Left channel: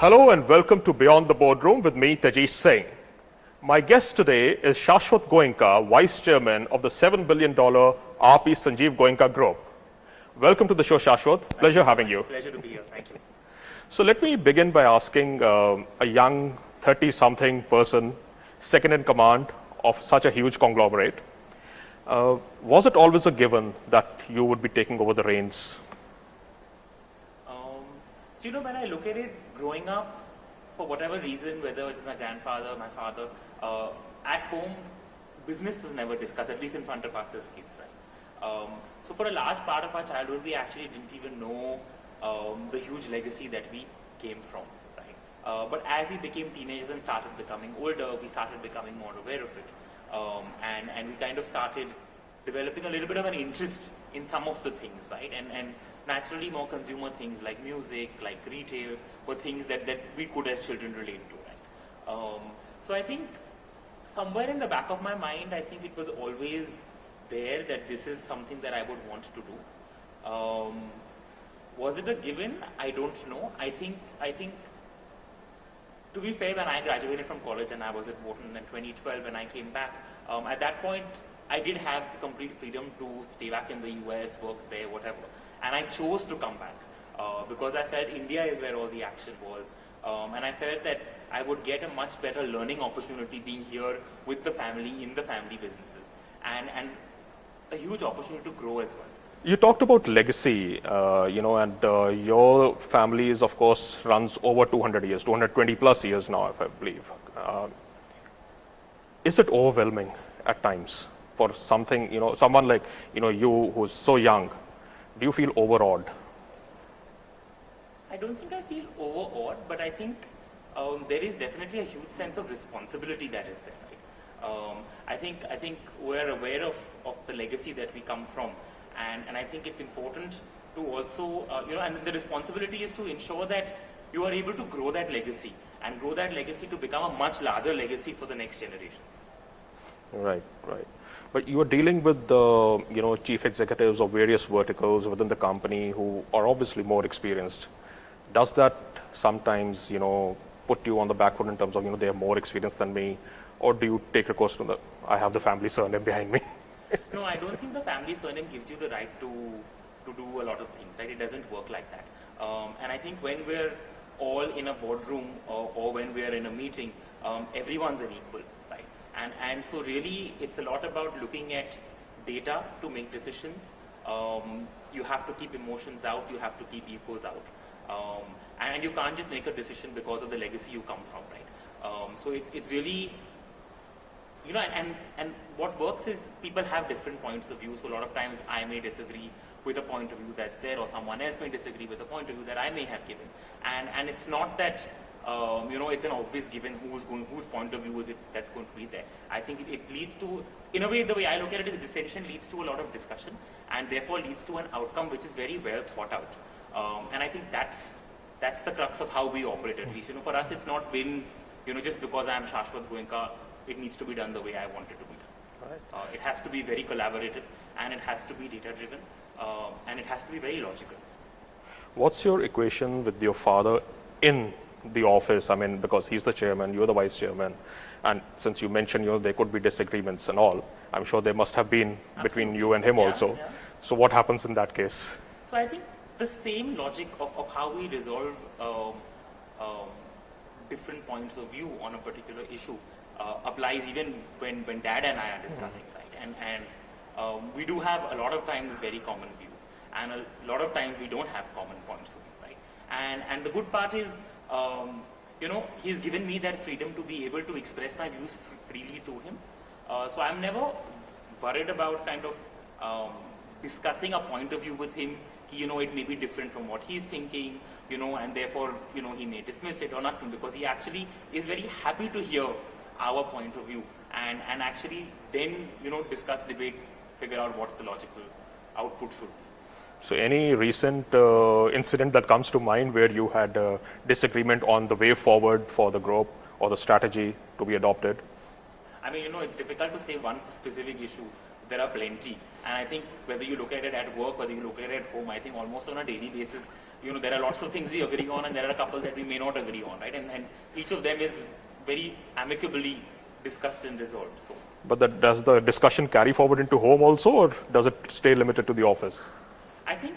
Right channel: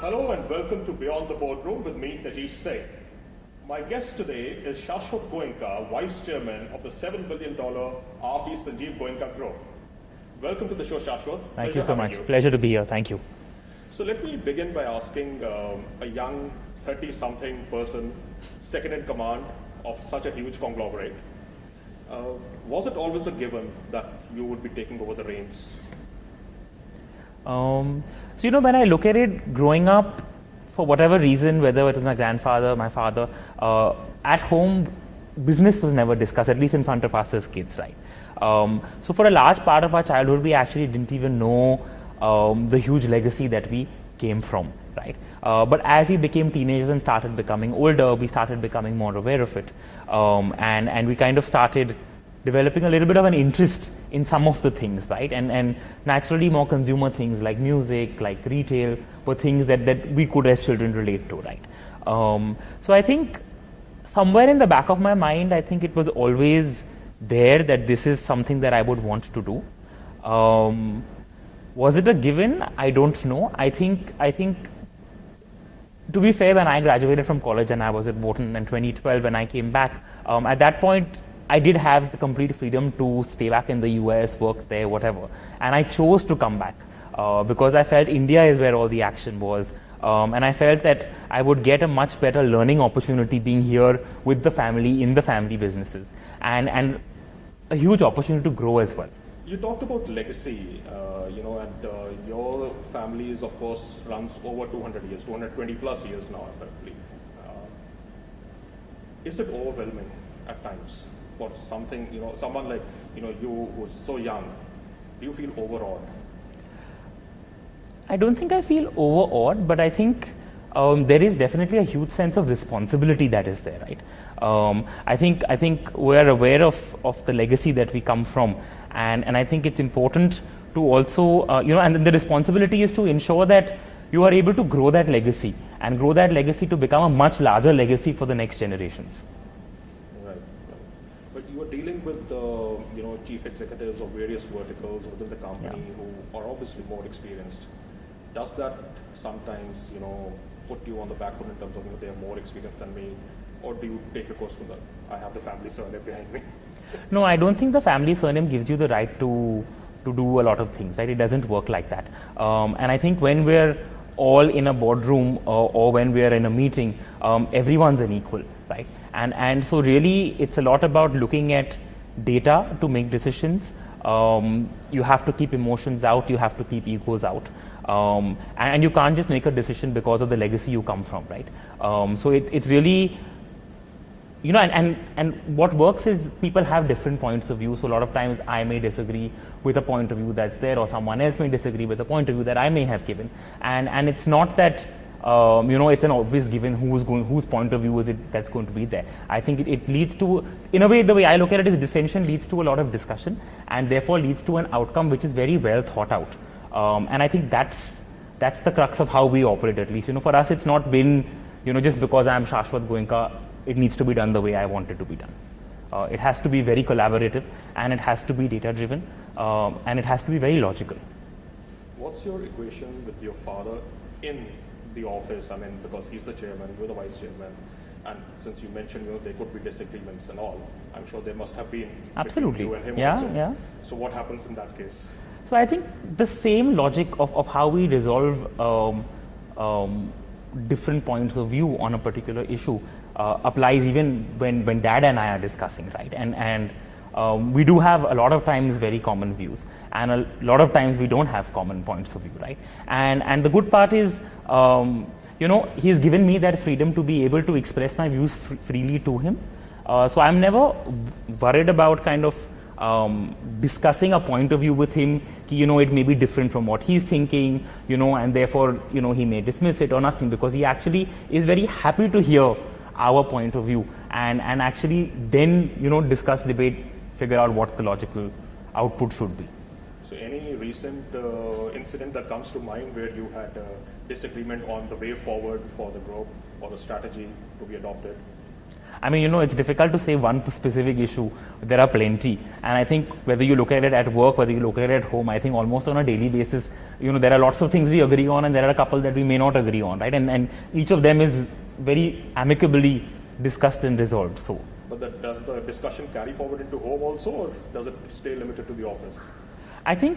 Hello and welcome to Beyond the Boardroom with me, Tajeesh Singh. My guest today is Shashwat Goenka, Vice Chairman of the $7 billion RP Sanjeev Goenka Group. Welcome to the show, Shashwat. Pleasure having you. Pleasure to be here. Thank you. So let me begin by asking a young 30-something person, second in command of such a huge conglomerate, was it always a given that you would be taking over the reins? So, when I look at it, growing up, for whatever reason, whether it was my grandfather, my father, at home, business was never discussed, at least in front of us as kids, right? So for a large part of our childhood, we actually didn't even know the huge legacy that we came from, right? But as we became teenagers and started becoming older, we started becoming more aware of it. And we kind of started developing a little bit of an interest in some of the things, right? And naturally more consumer things like music, like retail, were things that we could as children relate to, right? So I think somewhere in the back of my mind, I think it was always there that this is something that I would want to do. Was it a given? I don't know. I think to be fair, when I graduated from college and I was at Wharton in 2012, when I came back, at that point, I did have the complete freedom to stay back in the US, work there, whatever. And I chose to come back because I felt India is where all the action was. And I felt that I would get a much better learning opportunity being here with the family, in the family businesses, and a huge opportunity to grow as well. You talked about legacy, and your family is, of course, runs over 200 years, 220 plus years now, if I believe. Is it overwhelming at times for something, someone like, you who's so young? Do you feel overawed? I don't think I feel overawed, but I think there is definitely a huge sense of responsibility that is there, right? I think we're aware of the legacy that we come from, and I think it's important to also, and the responsibility is to ensure that you are able to grow that legacy and grow that legacy to become a much larger legacy for the next generations. Right. But you are dealing with the, chief executives of various verticals within the company who are obviously more experienced. Does that sometimes, put you on the back foot in terms of, they have more experience than me? Or do you take recourse to I have the family surname behind me? No, I don't think the family surname gives you the right to do a lot of things, right? It doesn't work like that. And I think when we're all in a boardroom or when we're in a meeting, everyone's an equal, right? And so really it's a lot about looking at data to make decisions. You have to keep emotions out, you have to keep egos out. And you can't just make a decision because of the legacy you come from, right? So it's really, and what works is people have different points of view. So a lot of times I may disagree with a point of view that's there, or someone else may disagree with a point of view that I may have given. And it's not that, it's an obvious given whose point of view is it that's going to be there. I think it leads to, in a way, the way I look at it is dissension leads to a lot of discussion and therefore leads to an outcome which is very well thought out. And I think that's the crux of how we operate, at least. For us, it's not been, just because I'm Shashwat Goenka, it needs to be done the way I want it to be done. It has to be very collaborative, and it has to be data-driven, and it has to be very logical. What's your equation with your father in the office? I mean, because he's the chairman, you're the vice chairman, and since you mentioned, there could be disagreements and all, I'm sure there must have been between you and him also. Yeah. So what happens in that case? So I think the same logic of how we resolve different points of view on a particular issue applies even when Dad and I are discussing, right? And we do have a lot of times very common views, and a lot of times we don't have common points of view, right? And the good part is, he's given me that freedom to be able to express my views freely to him. So I'm never worried about kind of discussing a point of view with him, it may be different from what he's thinking, and therefore, he may dismiss it or nothing, because he actually is very happy to hear our point of view and actually then, discuss, debate, figure out what the logical output should be. So any recent incident that comes to mind where you had a disagreement on the way forward for the group or the strategy to be adopted? I mean, it's difficult to say one specific issue. There are plenty. And I think whether you look at it at work, whether you look at it at home, I think almost on a daily basis, there are lots of things we agree on and there are a couple that we may not agree on, right? And each of them is very amicably discussed and resolved. So. But does the discussion carry forward into home also, or does it stay limited to the office? I think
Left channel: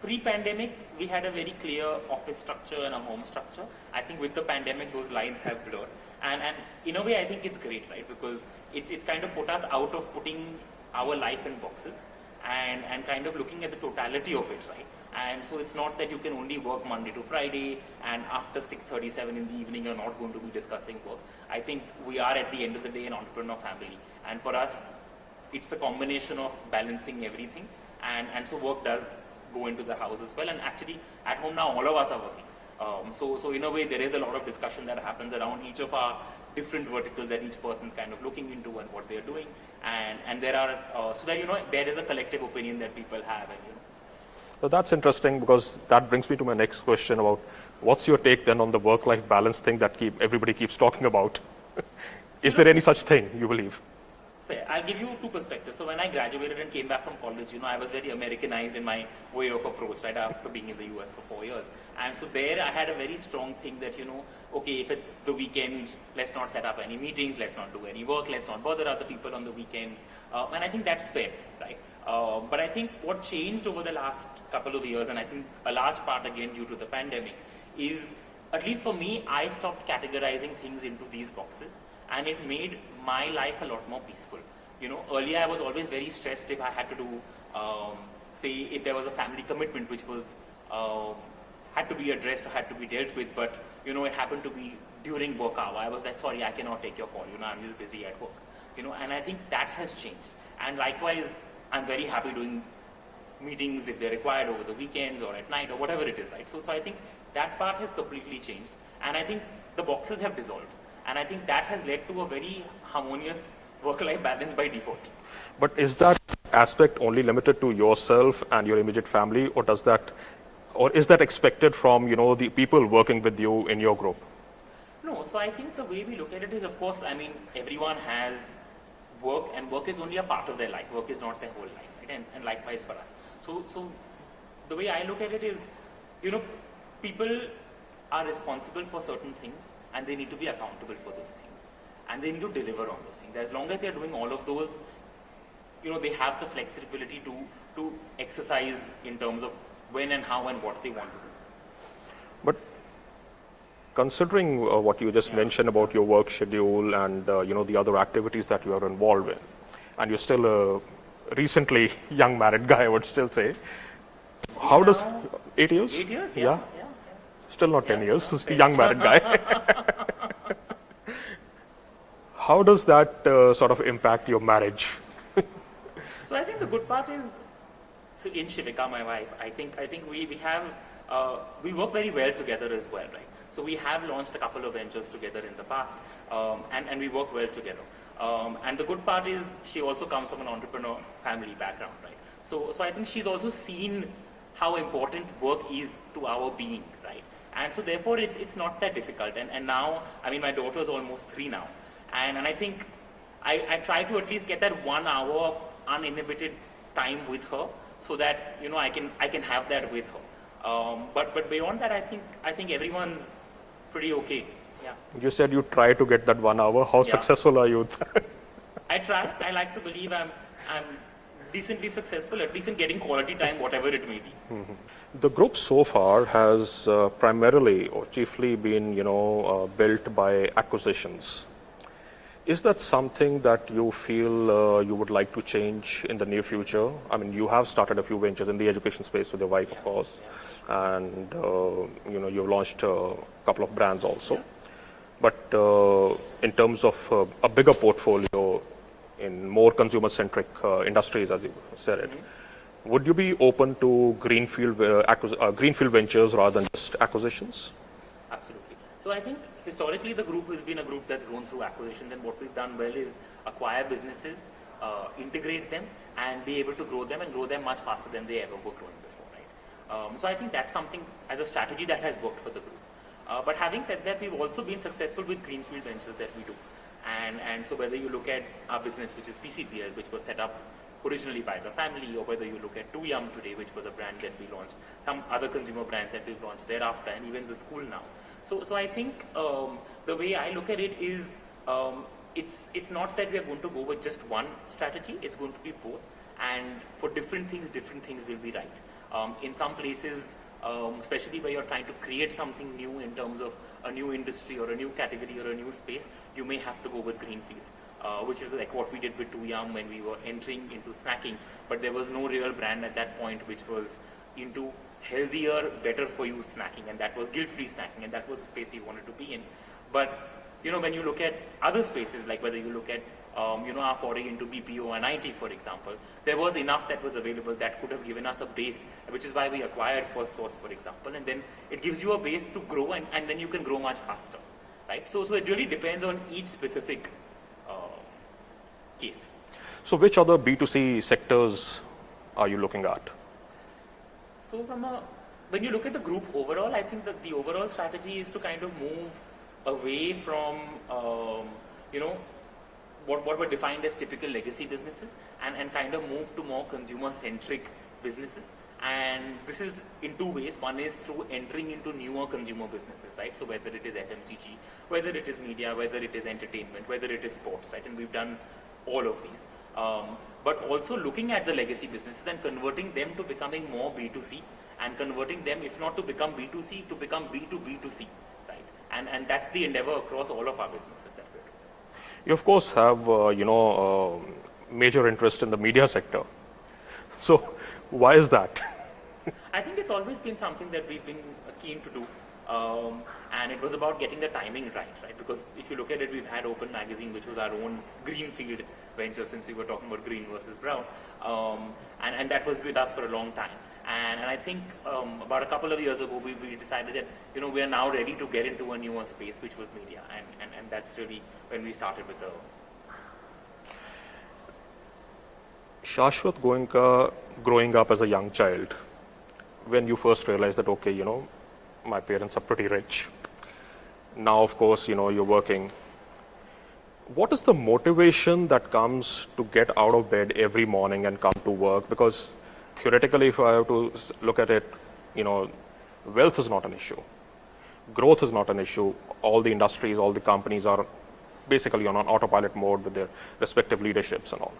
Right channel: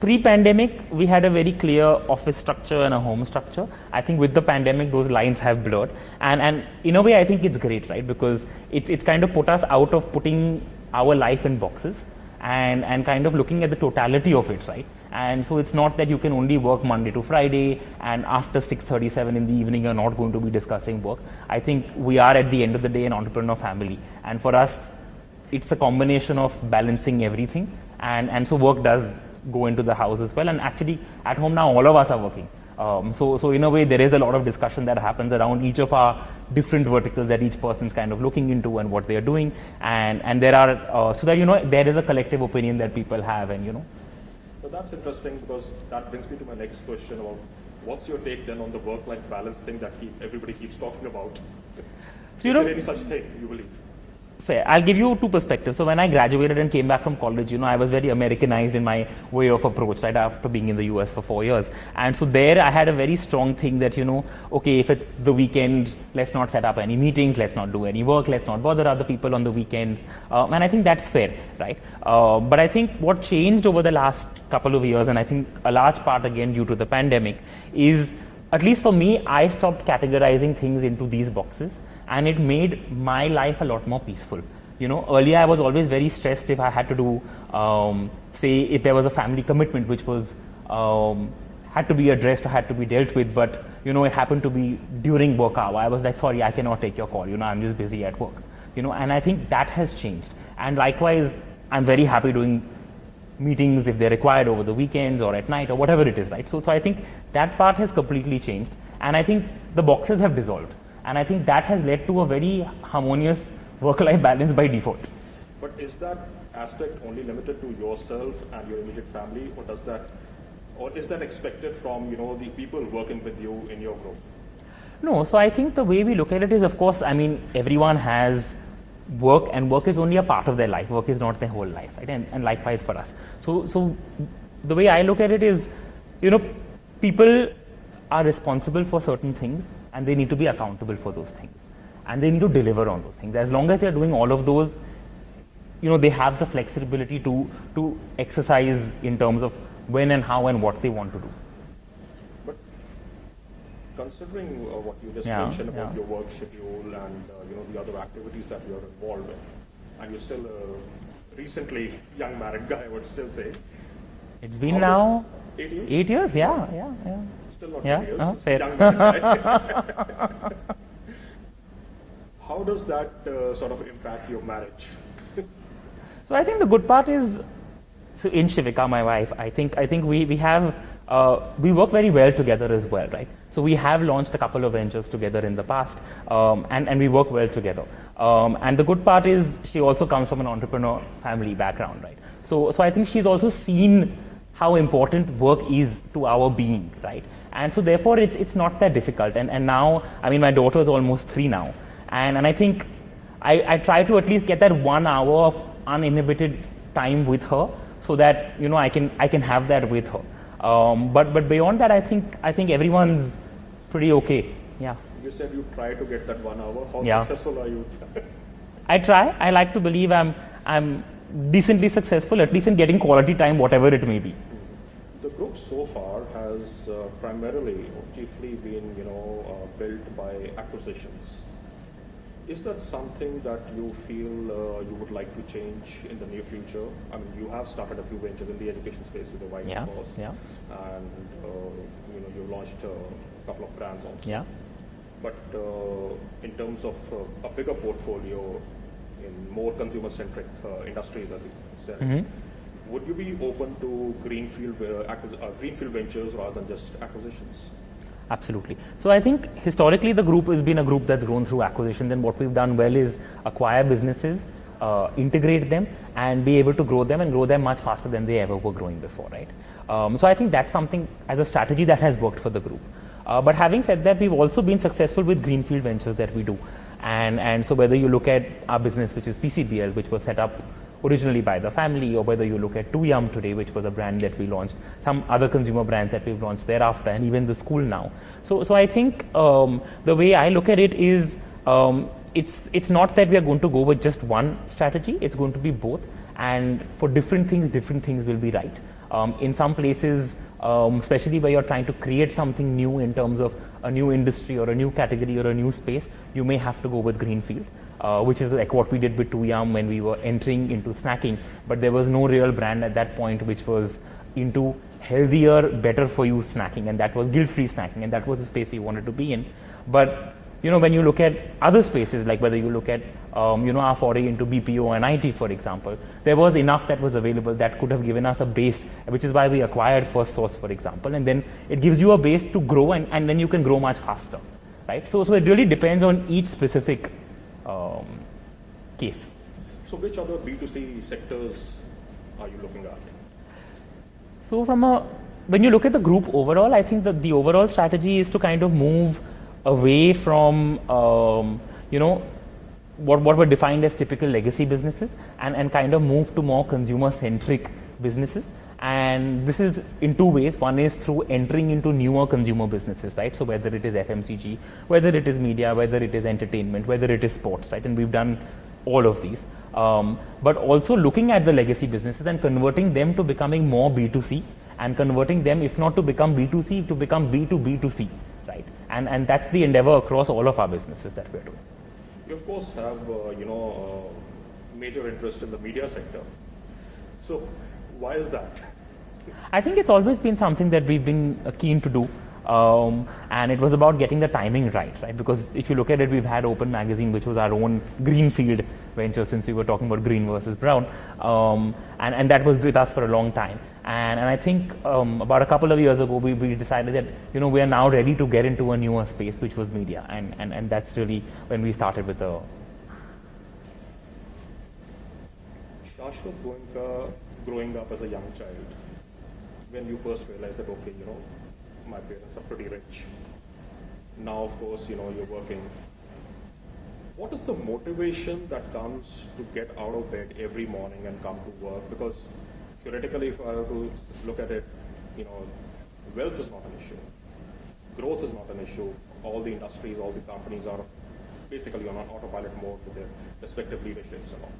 pre-pandemic, we had a very clear office structure and a home structure. I think with the pandemic, those lines have blurred. And in a way, I think it's great, right? Because it's kind of put us out of putting our life in boxes and kind of looking at the totality of it, right? And so it's not that you can only work Monday to Friday and after 6:37 in the evening, you're not going to be discussing work. I think we are at the end of the day an entrepreneur family. And for us, it's a combination of balancing everything. And so work does go into the house as well. And actually at home now, all of us are working. So in a way, there is a lot of discussion that happens around each of our different verticals that each person's kind of looking into and what they're doing. And there are, so that, there is a collective opinion that people have and. So that's interesting, because that brings me to my next question about what's your take then on the work-life balance thing that everybody keeps talking about? Is there any such thing, you believe? Fair. I'll give you two perspectives. So when I graduated and came back from college, I was very Americanized in my way of approach, right, after being in the US for 4 years. And so there I had a very strong thing that, okay, if it's the weekend, let's not set up any meetings, let's not do any work, let's not bother other people on the weekends. And I think that's fair, right? But I think what changed over the last couple of years, and I think a large part again due to the pandemic, is, at least for me, I stopped categorizing things into these boxes. And it made my life a lot more peaceful. Earlier I was always very stressed if I had to do, say, if there was a family commitment which was had to be addressed or had to be dealt with, but it happened to be during work hour. I was like, sorry, I cannot take your call. I'm just busy at work. And I think that has changed. And likewise, I'm very happy doing meetings if they're required over the weekends or at night or whatever it is, right? So I think that part has completely changed, and I think the boxes have dissolved. And I think that has led to a very harmonious work-life balance by default. But is that aspect only limited to yourself and your immediate family, or is that expected from the people working with you in your group? No, so I think the way we look at it is, of course, I mean, everyone has work, and work is only a part of their life. Work is not their whole life, right? And likewise for us. So the way I look at it is, people are responsible for certain things, and they need to be accountable for those things. And they need to deliver on those things. As long as they're doing all of those, they have the flexibility to exercise in terms of when and how and what they want to do. But considering what you just mentioned about your work schedule and the other activities that you are involved with, and you're still a recently young married guy, I would still say. It's been now 8 years? 8 years, yeah. Still not 10 years, young married guy. How does that sort of impact your marriage? So I think the good part is, so in Shivika, my wife, I think we have, we work very well together as well, right? So we have launched a couple of ventures together in the past, and we work well together. And the good part is she also comes from an entrepreneur family background, right? So I think she's also seen how important work is to our being, right? And so therefore it's not that difficult. And now, I mean, my daughter is almost 3 now. And I think I try to at least get that 1 hour of uninhibited time with her, so that I can have that with her. But beyond that, I think everyone's pretty okay. Yeah. You said you try to get that 1 hour. How successful are you? I try. I like to believe I'm decently successful, at least in getting quality time, whatever it may be. Mm-hmm. The group so far has primarily or chiefly been built by acquisitions. Is that something that you feel you would like to change in the near future? I mean, you have started a few ventures in the education space with your wife, of course, and you've launched a couple of brands also. Yeah. But in terms of a bigger portfolio in more consumer-centric industries, as you said, would you be open to greenfield ventures rather than just acquisitions? Absolutely. So I think historically the group has been a group that's grown through acquisitions, and what we've done well is acquire businesses, integrate them, and be able to grow them much faster than they ever were growing before, right? So I think that's something as a strategy that has worked for the group. But having said that, we've also been successful with greenfield ventures that we do. And so whether you look at our business, which is PCBL, which was set up originally by the family, or whether you look at 2Yum today, which was a brand that we launched, some other consumer brands that we've launched thereafter, and even the school now. So I think the way I look at it is it's not that we are going to go with just one strategy, it's going to be both. And for different things will be right. In some places, especially where you're trying to create something new in terms of a new industry or a new category or a new space, you may have to go with greenfield. Which is like what we did with 2Yum when we were entering into snacking, but there was no real brand at that point which was into healthier, better for you snacking, and that was guilt-free snacking, and that was the space we wanted to be in. But when you look at other spaces, like whether you look at our foray into BPO and IT, for example, there was enough that was available that could have given us a base, which is why we acquired First Source, for example, and then it gives you a base to grow, and then you can grow much faster, right? So it really depends on each specific case. So which other B2C sectors are you looking at? So when you look at the group overall, I think that the overall strategy is to kind of move away from what were defined as typical legacy businesses and kind of move to more consumer-centric businesses. And this is in two ways. One is through entering into newer consumer businesses, right? So whether it is FMCG, whether it is media, whether it is entertainment, whether it is sports, right? And we've done all of these. But also looking at the legacy businesses and converting them to becoming more B2C, and converting them, if not to become B2C, to become B2B2C, right? And that's the endeavor across all of our businesses that we're doing. You of course have major interest in the media sector. So why is that? I think it's always been something that we've been keen to do, and it was about getting the timing right? Because if you look at it, we've had Open Magazine, which was our own greenfield venture, since we were talking about green versus brown, and that was with us for a long time. And I think about a couple of years ago, we decided that we are now ready to get into a newer space, which was media, and that's really when we started with the. Shashwat, Goenka, growing up as a young child, when you first realized that, okay, my parents are pretty rich. Now, of course, you're working. What is the motivation that comes to get out of bed every morning and come to work? Because theoretically, if I have to look at it, wealth is not an issue. Growth is not an issue. All the industries, all the companies are basically on an autopilot mode with their respective leaderships and all.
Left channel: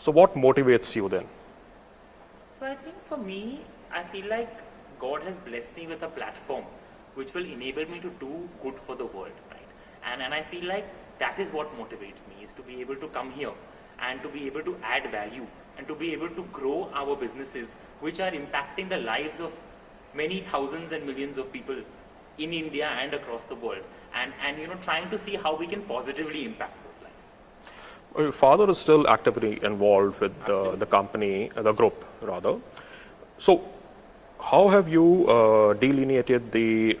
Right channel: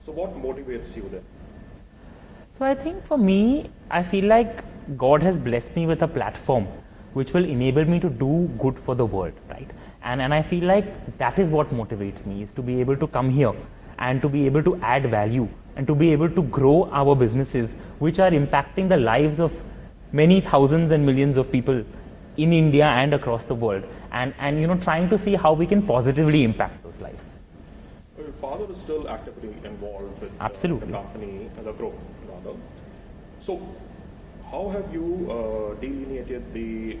So what motivates you then? So I think for me, I feel like God has blessed me with a platform which will enable me to do good for the world, right? And I feel like that is what motivates me, is to be able to come here and to be able to add value and to be able to grow our businesses, which are impacting the lives of many thousands and millions of people in India and across the world, and trying to see how we can positively impact those lives. Your father is still actively involved with the company, the group rather. So how have you delineated the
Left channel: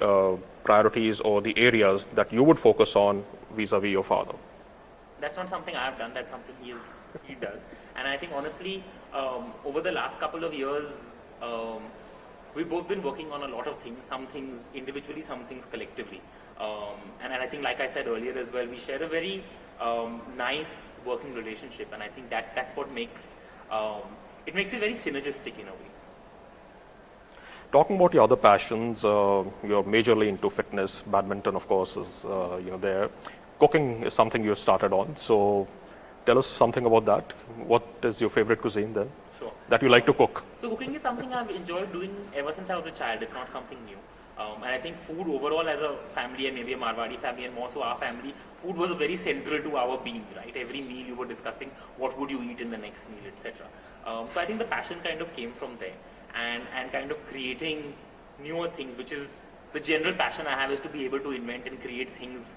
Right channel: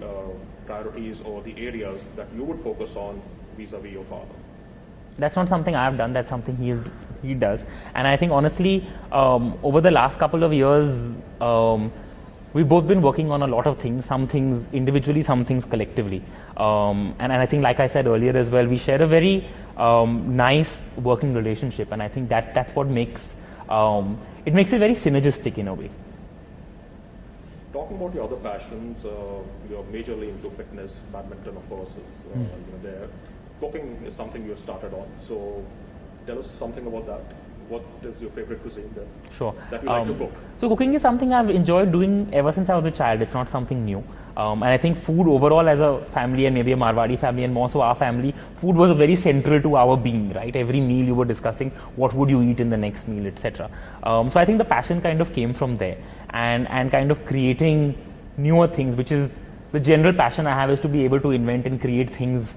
priorities or the areas that you would focus on vis-a-vis your father? That's not something I've done, that's something he does. And I think honestly, over the last couple of years, we've both been working on a lot of things, some things individually, some things collectively. And I think, like I said earlier as well, we share a very nice working relationship, and I think that's what makes it very synergistic in a way. Talking about your other passions, you're majorly into fitness. Badminton, of course, is there. Cooking is something you started on. So tell us something about that. What is your favorite cuisine then? Sure. That you like to cook? So cooking is something I've enjoyed doing ever since I was a child. It's not something new. And I think food overall as a family, and maybe a Marwadi family and more so our family, food was very central to our being, right? Every meal you were discussing what would you eat in the next meal, etc. So I think the passion kind of came from there, and kind of creating newer things, which is the general passion I have, is to be able to invent and create things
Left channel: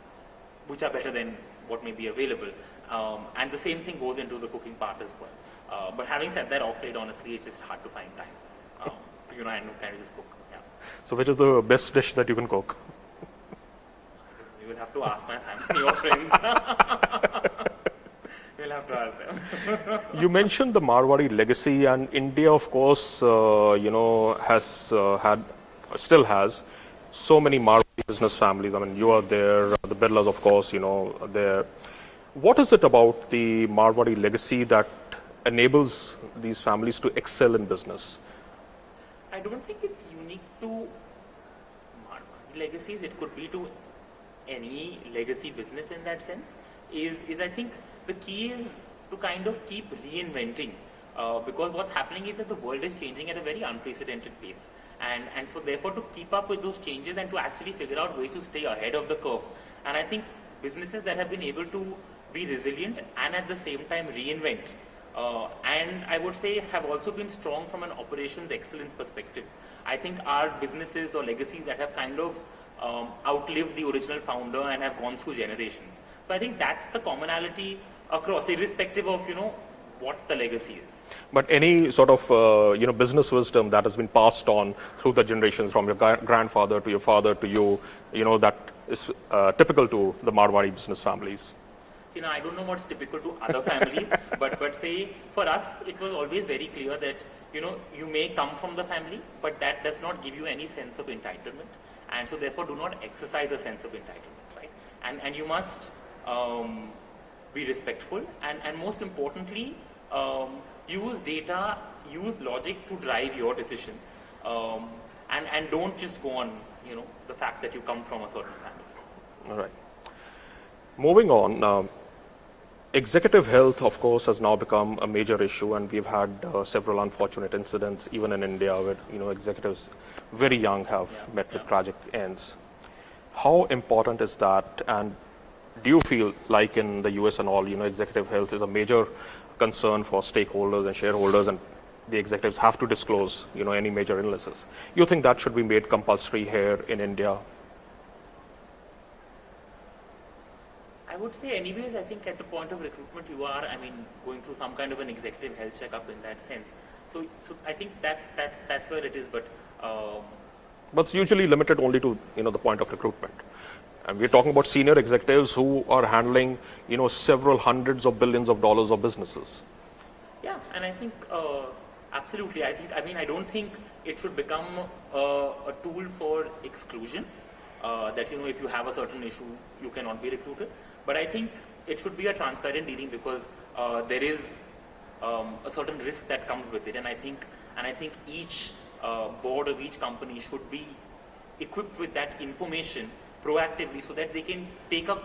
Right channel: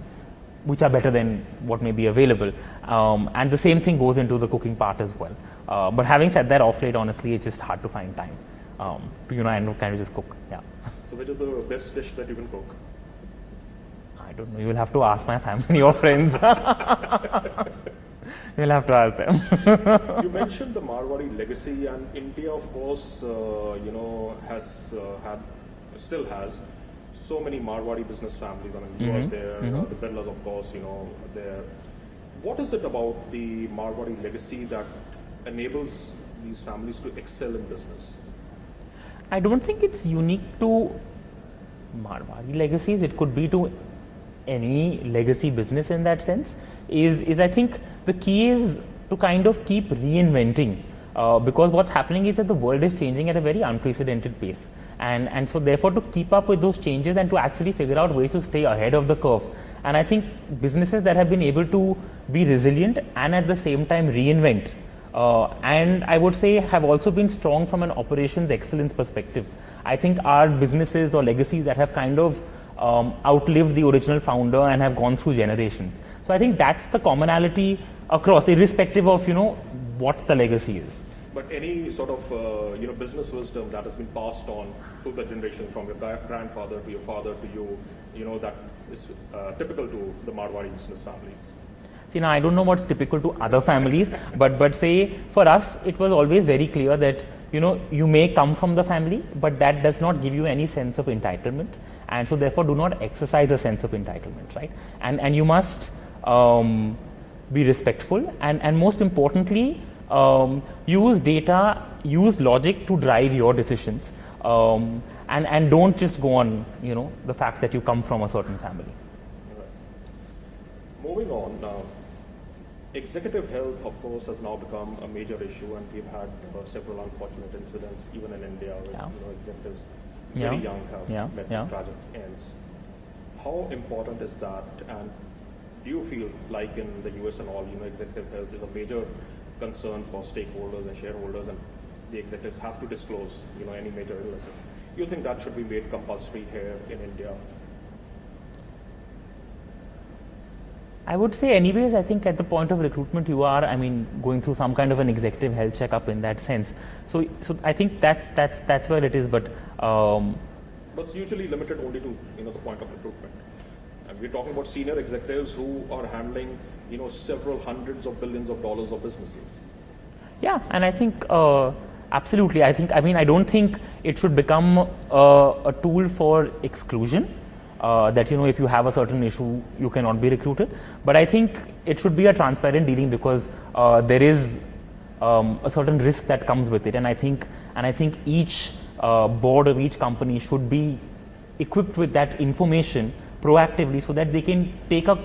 which are better than what may be available. And the same thing goes into the cooking part as well. But having said that, off late, honestly, it's just hard to find time to, and kind of just cook. Yeah. So which is the best dish that you can cook? I don't know. You will have to ask my family or friends. You'll have to ask them. You mentioned the Marwari legacy, and India, of course, has still has so many Marwari business families. I mean, you are there, the Birlas, of course, there. What is it about the Marwari legacy that enables these families to excel in business? I don't think it's unique to Marwari legacies. It could be to any legacy business in that sense. Is I think the key is to kind of keep reinventing, because what's happening is that the world is changing at a very unprecedented pace, and so therefore to keep up with those changes and to actually figure out ways to stay ahead of the curve. And I think businesses that have been able to be resilient and at the same time reinvent, and I would say have also been strong from an operations excellence perspective. I think our businesses or legacies that have kind of outlived the original founder and have gone through generations. So I think that's the commonality across, irrespective of what the legacy is. But any sort of business wisdom that has been passed on through the generations from your grandfather to your father to you, that is typical to the Marwari business families. See, now I don't know what's typical to other families, but say for us, it was always very clear that you may come from the family, but that does not give you any sense of entitlement, and so therefore do not exercise a sense of entitlement, right? And you must be respectful, and most importantly, use data, use logic to drive your decisions, and don't just go on the fact that you come from a certain family. All right. Moving on. Executive health, of course, has now become a major issue, and we've had several unfortunate incidents, even in India, where executives very young have met with tragic ends. How important is that? And do you feel like in the US and all, executive health is a major concern for stakeholders and shareholders, and the executives have to disclose, any major illnesses? You think that should be made compulsory here in India? I would say anyways, I think at the point of recruitment you are, going through some kind of an executive health checkup in that sense. So I think that's where it is, but it's usually limited only to, the point of recruitment. And we're talking about senior executives who are handling, several hundreds of billions of dollars of businesses. Yeah, and I think absolutely. I don't think it should become a tool for exclusion. That if you have a certain issue, you cannot be recruited. But I think it should be a transparent dealing, because there is a certain risk that comes with it, and I think each board of each company should be equipped with that information proactively, so that they can take a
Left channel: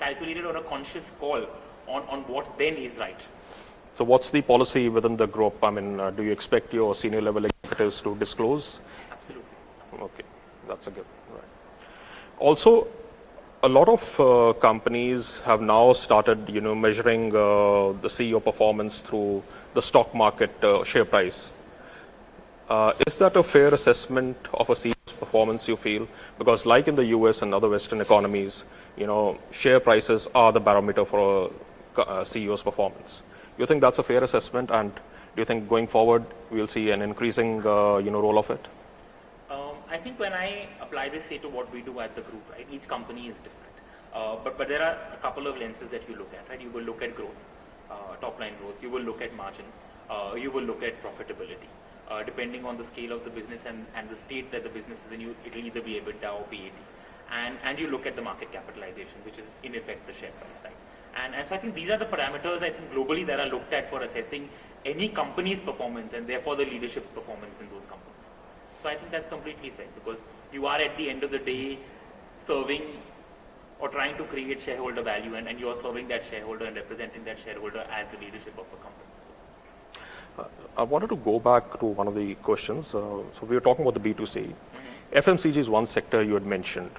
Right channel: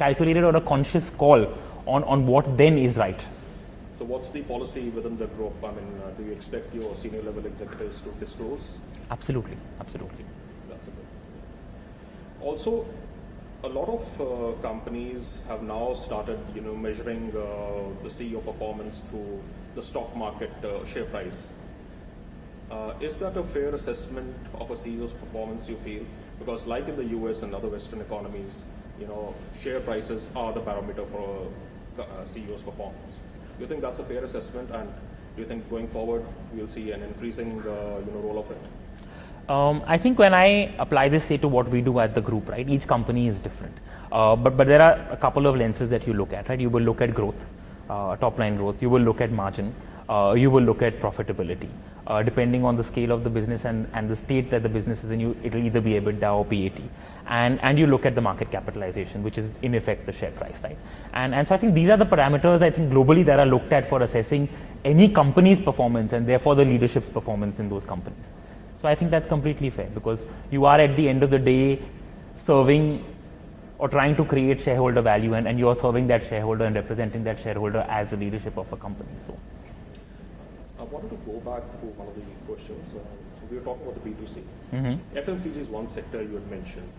calculated or a conscious call on what then is right. So what's the policy within the group? Do you expect your senior level executives to disclose? Absolutely. Okay, that's a good. Also, a lot of companies have now started, measuring the CEO performance through the stock market share price. Is that a fair assessment of a CEO's performance, you feel? Because like in the US and other Western economies, share prices are the barometer for a CEO's performance. You think that's a fair assessment, and do you think going forward we'll see an increasing, role of it? I think when I apply this, say, to what we do at the group, right, each company is different. But there are a couple of lenses that you look at, right? You will look at growth, top line growth. You will look at margin. You will look at profitability. Depending on the scale of the business and the state that the business is in, it'll either be EBITDA or PAT. And you look at the market capitalization, which is in effect the share price, right? And so I think these are the parameters, I think, globally that are looked at for assessing any company's performance, and therefore the leadership's performance in those companies. So I think that's completely fair, because you are at the end of the day serving or trying to create shareholder value, and you are serving that shareholder and representing that shareholder as the leadership of a company. So I wanted to go back to one of the questions. So we were talking about the B2C. FMCG is one sector you had mentioned.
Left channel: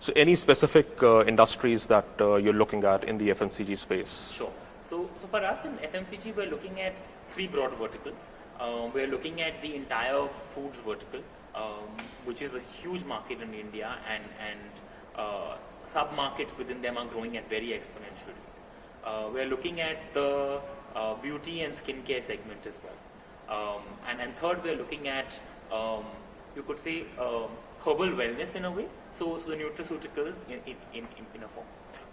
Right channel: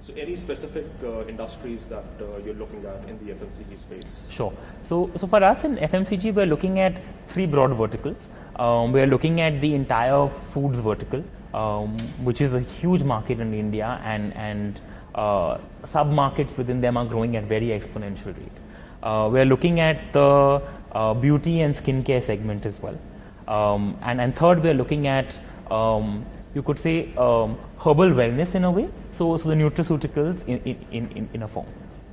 So any specific industries that you're looking at in the FMCG space? Sure. So for us in FMCG, we're looking at three broad verticals. We're looking at the entire foods vertical, which is a huge market in India, and sub-markets within them are growing at very exponential rates. We're looking at the beauty and skincare segment as well. And third, we're looking at, you could say, herbal wellness in a way, so the nutraceuticals in a form.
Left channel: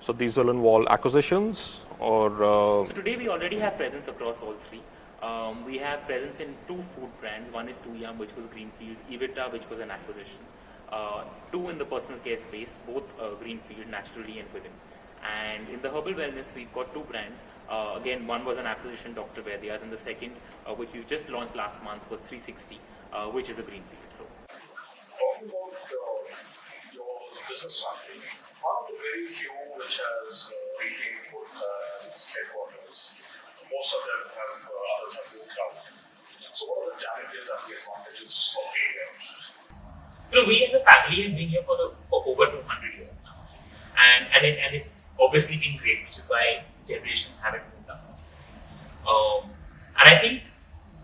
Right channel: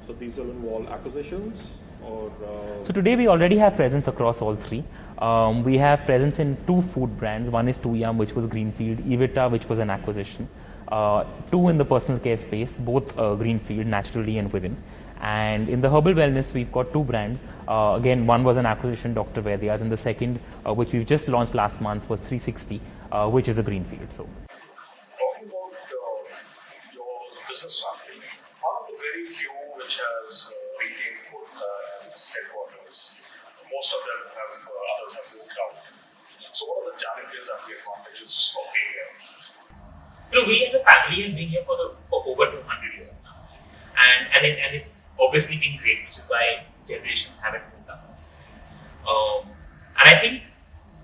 So these will involve acquisitions, or? So today we already have presence across all three. We have presence in two food brands. One is Tuyam, which was greenfield, Evita, which was an acquisition. Two in the personal care space, both greenfield, naturally and within. And in the herbal wellness, we've got two brands. Again, one was an acquisition, Dr. Vaidya's, and the second, which we've just launched last month, was 360, which is a greenfield. So, talking about your business family, one of the very few which has retained Goenka as its headquarters. Most of them have, others have moved out. So what are the challenges and the advantages of being here? We as a family have been here for over 200 years now, and it's obviously been great, which is why generations haven't moved up. And I think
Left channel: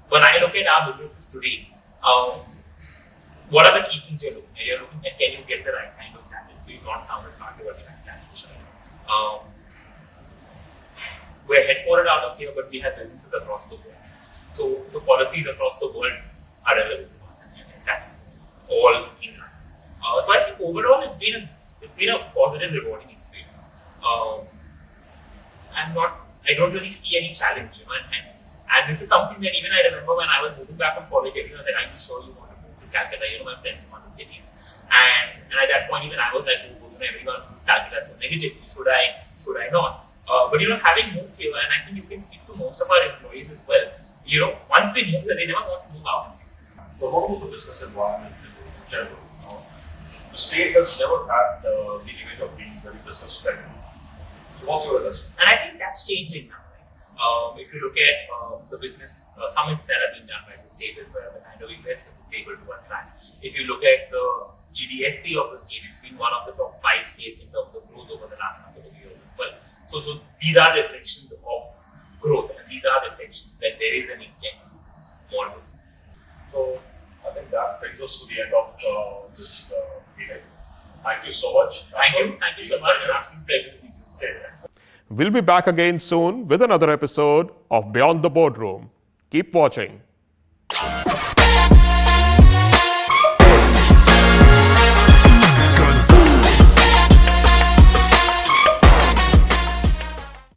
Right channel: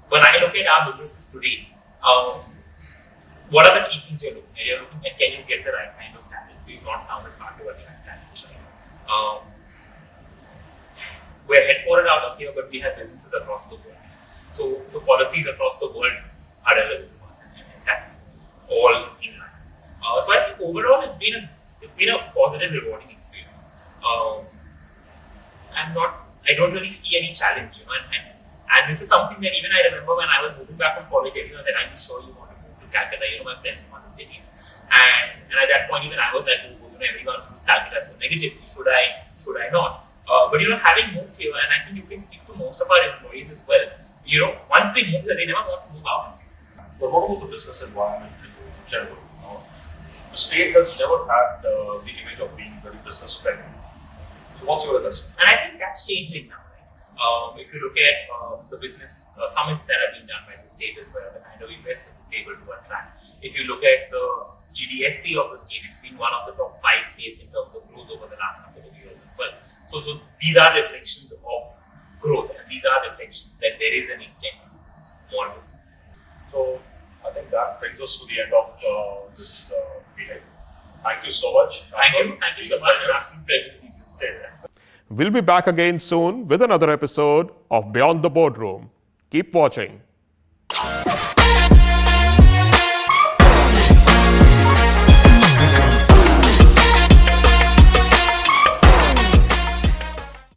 when I look at our businesses today, what are the key things you're looking at? You're looking at, can you get the right kind of talent? We've not found it hard to attract talent, right? We're headquartered out of here, but we have businesses across the world. So policies across the world are relevant to us, and that's all in line. So I think overall it's been a positive, rewarding experience. I don't really see any challenge, and this is something that even I remember when I was moving back from college, everyone said, "Are you sure you want to move to Calcutta?" My friends from other cities, and at that point even I was like, everyone moves Calcutta so negatively. Should I not? But having moved here, and I think you can speak to most of our employees as well. Once they move here, they never want to move out. But what about the business environment in general? The state has never had the image of being very business friendly. So what's your assessment? And I think that's changing now. Right? If you look at the business summits that are being done by the state as well, the kind of investments it's able to attract. If you look at the GDSP of the state, it's been one of the top 5 states in terms of growth over the last couple of years as well. So these are reflections of growth, and these are reflections that there is an intent to more business. So I think that brings us to the end of this meeting. Thank you so much. Thank you so much. An absolute pleasure to be here. We'll be back again soon with another episode of Beyond the Boardroom. Keep watching.